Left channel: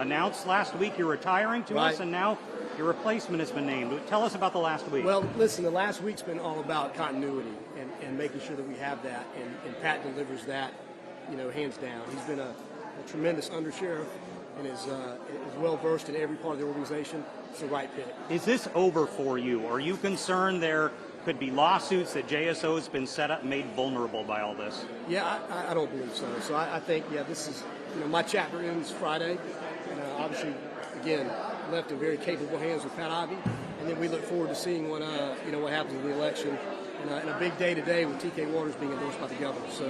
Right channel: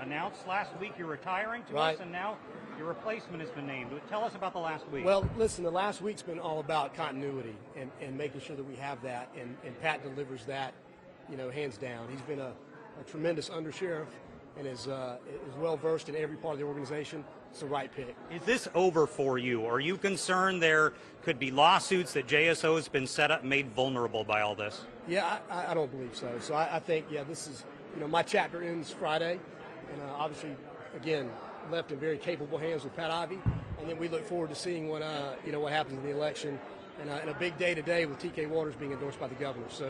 announced last week you're retiring to us, and now your replacement has been named. Tell us about the last week. Well, listen, the last week's been all about continuity and making sure that we have that, and Pat delivers that, hands down. He's been a tremendous undersheriff and is well versed in every part of the organization. It's the right pick. Is this over for you? Are you concerned there could be lawsuits that JSO has been set up and made vulnerable by all this? Yeah, I don't believe so. So I think, this is, my chapter ends Friday, and obviously, again, left in very capable hands with Pat Ivey, and then we look forward to seeing what happens in the election, and a big day today with TK Waters being endorsed by the governor. So,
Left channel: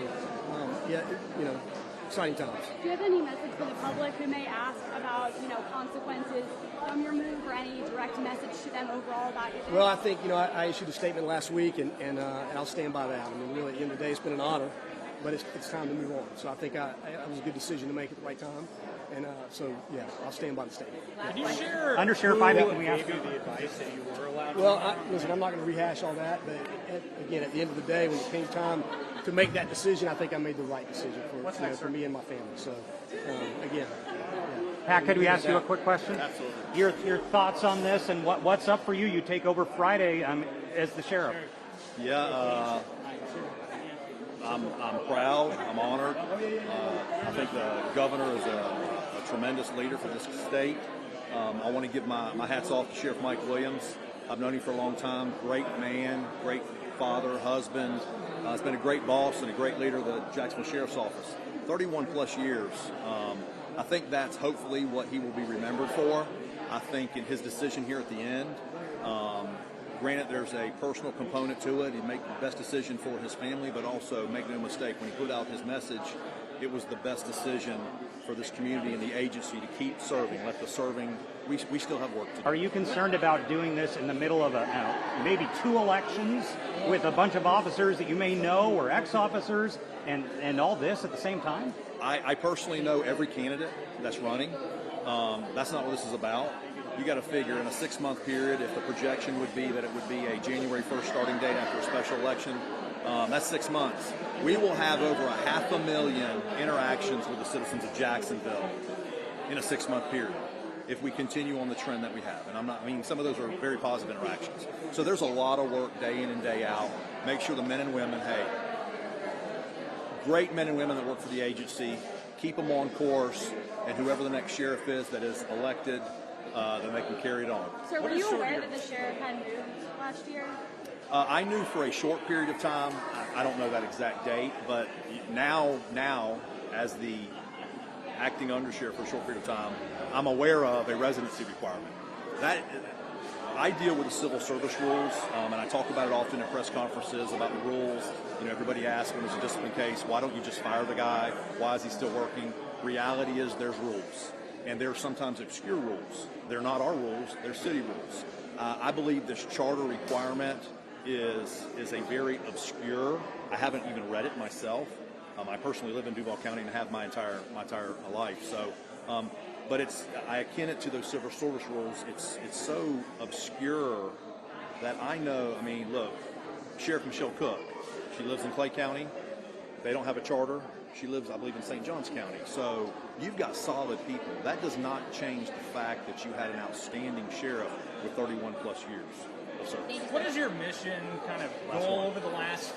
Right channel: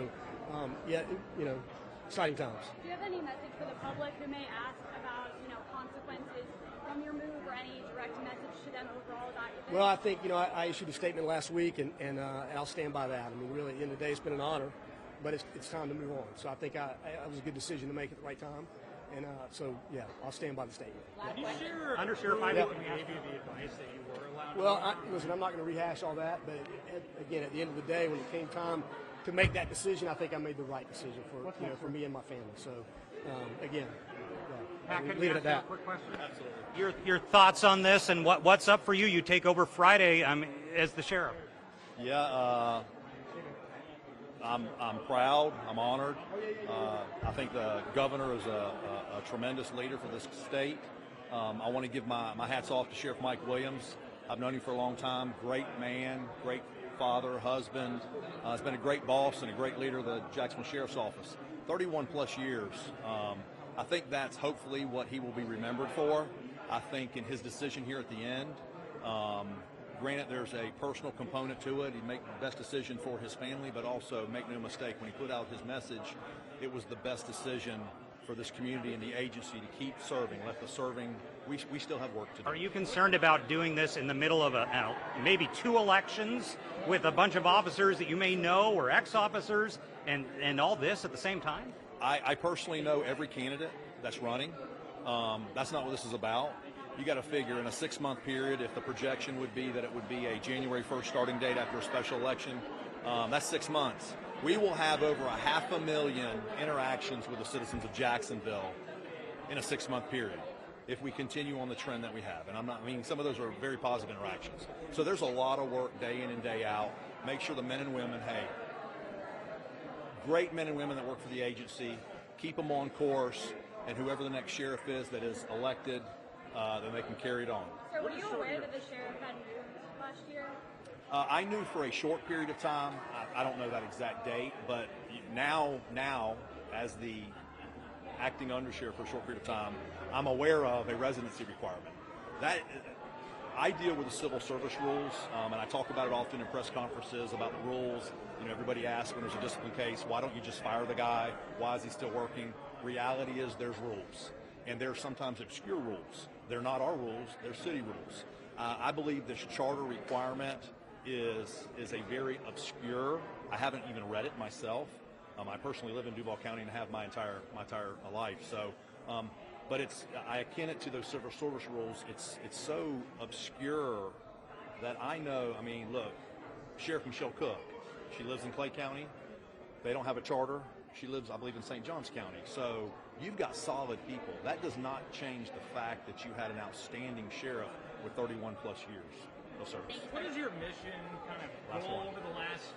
exciting times. Do you have any message for the public who may ask about, consequences from your move, or any direct message to them overall about your? Well, I think, I issued a statement last week, and I'll stand by that. I mean, really, at the end of the day, it's been an honor, but it's time to move on. So I think it was a good decision to make at the right time. And I'll stand by the statement. Can you share Undersheriff Ivey, who gave you the advice that you were allowed to? Well, listen, I'm not going to rehash all that, but again, at the end of the day, when it came time to make that decision, I think I made the right decision for me and my family. So, again. Pat, could we ask you a quick question? Absolutely. Your thoughts on this, and what's up for you? You take over Friday as the sheriff. Yeah, I'm proud. I'm honored. I think the governor is a tremendous leader for this state. I want to give my hats off to Sheriff Mike Williams. I've known him for a long time. Great man, great father, husband. He's been a great boss and a great leader of the Jacksonville Sheriff's Office. 31 plus years. I think that's hopefully what he will be remembered for. I think in his decision here at the end, granted there's a personal component to it. He'd make the best decision for his family, but also make no mistake, when he put out his message, it was the best decision for this community and the agency to keep serving. Let the serving, we still have work to do. Are you concerned about doing this in the middle of maybe 2 elections with a bunch of officers that you may know or ex-officers and all this at the same time? I personally know every candidate that's running. That's not what this is about. You got to figure in a 6-month period, if the projection would be that it would be a January 1st starting date after a special election, that's 6 months. We will have over 500,000 interactions with the citizens of Jacksonville in a 6-month period if we continue on the trend that we have. And some of those are very positive interactions. So there's a lot of work day in and day out. Make sure the men and women, great men and women that work for the agency, keep them on course, and whoever the next sheriff is that is elected, then they can carry it on. So were you aware that the sheriff had moved last year? I knew for a short period of time. I don't know that exact date, but now as the acting undersheriff for a short period of time, I'm aware of a residency requirement. That I deal with the civil service rules, and I talk about it often in press conferences about the rules. Everybody asks when there's a discipline case, why don't you just fire the guy? Why is he still working? Reality is there's rules, and there are sometimes obscure rules. They're not our rules; they're city rules. I believe this charter requirement is a very obscure. I haven't even read it myself. I personally live in Duval County and have my entire life. So, but I akin it to those civil service rules. It's so obscure that I know. Look, Sheriff Michelle Cook, she lives in Clay County. They don't have a charter. She lives, I believe, in St. Johns County. So you've got solid people. That does not change the fact that you had an outstanding sheriff with 31 plus years of service. What is your mission kind of goal over the next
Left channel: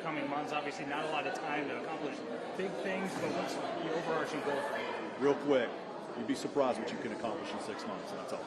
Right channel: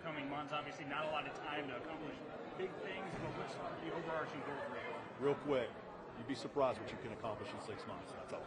coming months? Obviously not a lot of time to accomplish big things, but what's the overarching goal for you? Real quick, you'd be surprised what you can accomplish in 6 months, and that's all.